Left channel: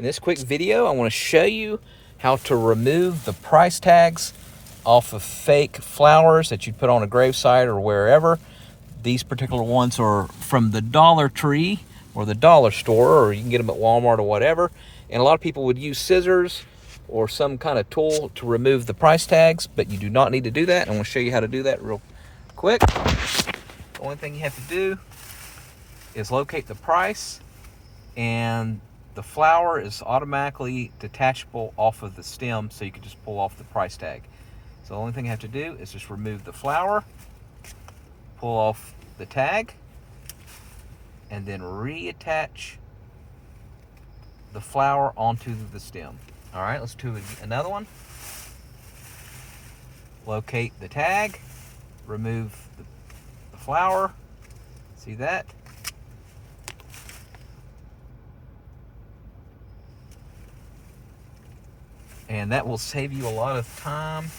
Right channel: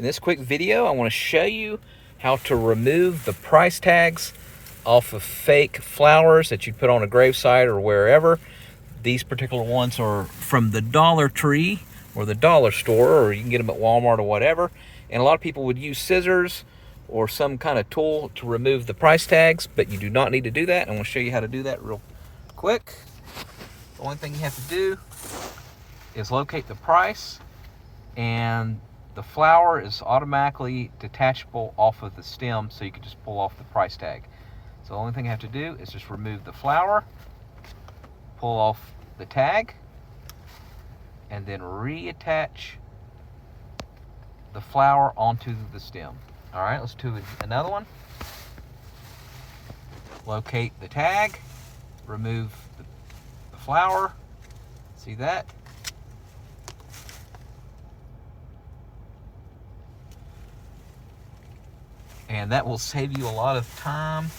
In this quick video, I want to show you how to remove the price tags off of fake flowers that you put on a gravesite or wherever. These particular ones are from the Dollar Tree or the dollar store, or you can get them at Walmart or whatever. And a lot of people would use scissors or some kind of tool to remove the price tags, but you do not need to do that. I'm going to show you how to do that real quick. The only thing you have to do is locate the price, and the flower is automatically detachable off of the stem, so you can just pull off the price tag. So the only thing you have to do is just remove the flower, pull off the tag, and then reattach the flower onto the stem. All right, let's do another one. Locate the tag, remove the flower. See that? And that will save you a lot of time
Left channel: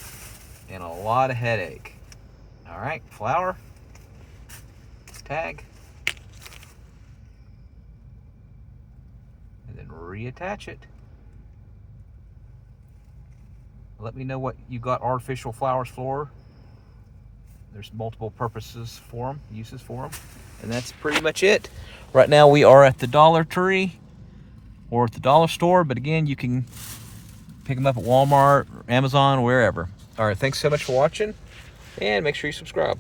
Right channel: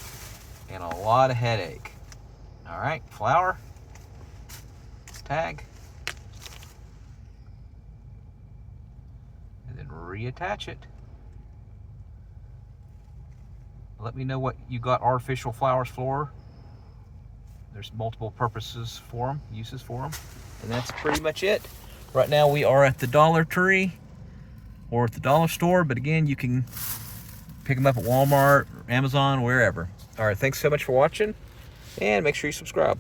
and a lot of headache. All right, flower, tag, and then reattach it. Let me know what you got artificial flowers for. There's multiple purposes for them, uses for them. And that's pretty much it. Right now we are at the Dollar Tree or at the dollar store, but again, you can pick them up at Walmart, or Amazon, wherever. All right, thanks so much for watching, and make sure you subscribe.